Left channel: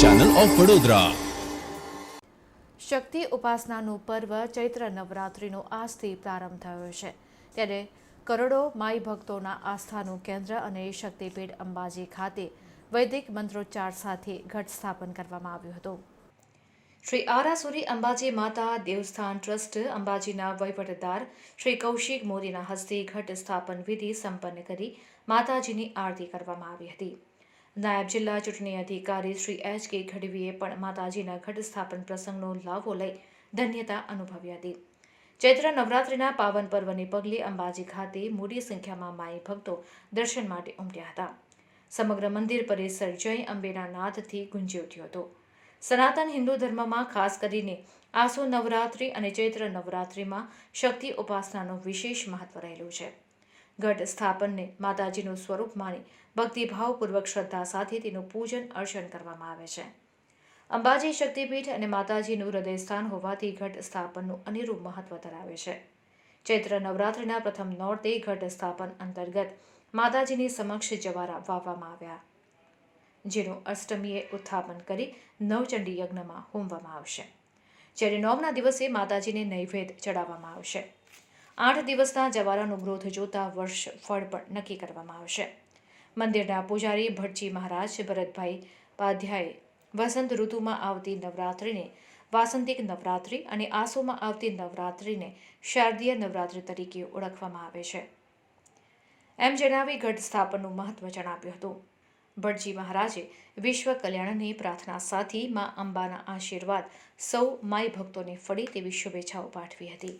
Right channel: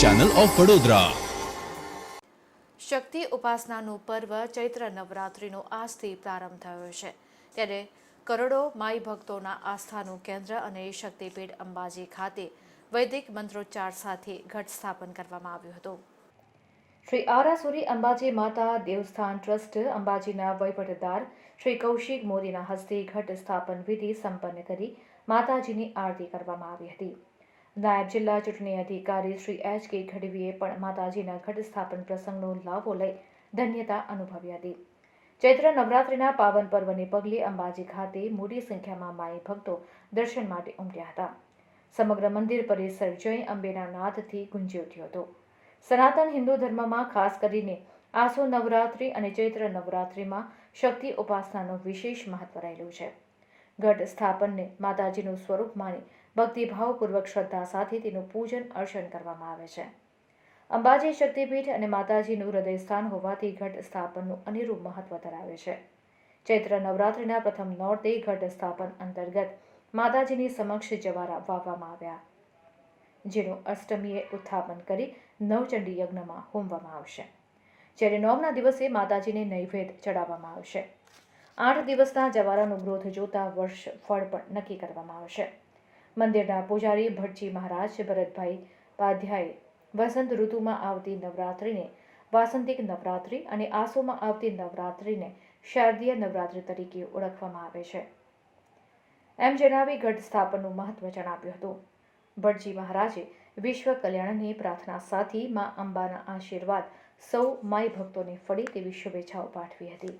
Channel of Vadodara. શક્તિ ઉપાસનાનું પર્વ ચૈત્ર નવરાત્રિનો આજથી પ્રારંભ થયો છે, ત્યારે કરોડો માઈ ભક્તોના આસ્થાનું કેન્દ્ર અને શક્તિપીઠ અંબાજી ખાતે વૈદિક મંત્રોચ્ચાર સાથે ઘટ સ્થાપન કરવામાં આવ્યું હતું। શ્રી આરાસુરી અંબાજી માતા દેવસ્થાન ટ્રસ્ટ અંબાજીના વહીવટદાર શ્રી કૌશિક મોદીના હસ્તે ઘટ સ્થાપન વિધિ સંપન્ન કરી માતાજીની આરતી કરવામાં આવી હતી। નાયબ જિલ્લા ચૂંટણી અધિકારી શ્રી એચ.કે. ગઢવીએ પણ માતાજીના ઘટ સ્થાપન પ્રસંગનો લાભો લઈ ધન્યતા અનુભવી હતી। ચૈત્ર નવરાત્રિના પાવન પર્વને પગલે અંબાજી ખાતે મોટી સંખ્યામાં માઈ ભક્તો દર્શન માટે ઉમટ્યા હતા। સમગ્ર મંદિર પરિસર જય અંબેના નાદથી ગુંજી ઉઠ્યો હતો। સનાતન હિન્દુ ધર્મમાં ખાસ કરીને આસો નવરાત્રિ અને ચૈત્ર નવરાત્રિમાં શક્તિ ઉપાસનાનું વિશેષ મહત્વ રહેલું છે। ઘટ સ્થાપનને માતાજીનું સ્વરૂપ માની ભક્તિભાવપૂર્વક શ્રદ્ધા સાથે તેનું પૂજન અર્ચન કરવામાં આવે છે। અંબાજી શક્તિપીઠ અને માતાજીનું હૃદયસ્થાન હોવાથી ઘટ સ્થાપનનું અનેરું મહત્વ ધરાવે છે। ચૈત્ર નવરાત્રિના પ્રથમ નોરતે ઘટ સ્થાપન અંતર્ગત માતાજીની સમક્ષ જવારા વાવવામાં આવ્યા, જેનું અષ્ટમીએ ઉત્થાપન કરી નવચંડી યજ્ઞમાં હોમવામાં આવશે, જ્યારે નવમના દિવસે માતાજીને નૈવેદ્ય ચડાવવામાં આવશે। 8 દિવસના જવારાનું ગ્રોથ જોતા વર્ષ ફળ પણ નક્કી કરવામાં આવશે। મંદિરના પૂજારી ભટજી મહારાજ ભરતભાઈ પાધ્યાએ વસંત ઋતુમાં આવતી નવરાત્રિને વાસંતિક નવરાત્રિ અને આસોમાં આવતી નવરાત્રિને શારદીય નવરાત્રિ તરીકે ઓળખવામાં આવે છે, એમ જણાવી ઘટ સ્થાપનનું મહત્વ જણાવ્યું હતું। ભટજી મહારાજે વિશ્વ કલ્યાણની પ્રાર્થના સાથે મા અંબાના આશીર્વાદ સૌ માઈ ભક્તોને ફળે તેવી શુભેચ્છાઓ પાઠવી હતી।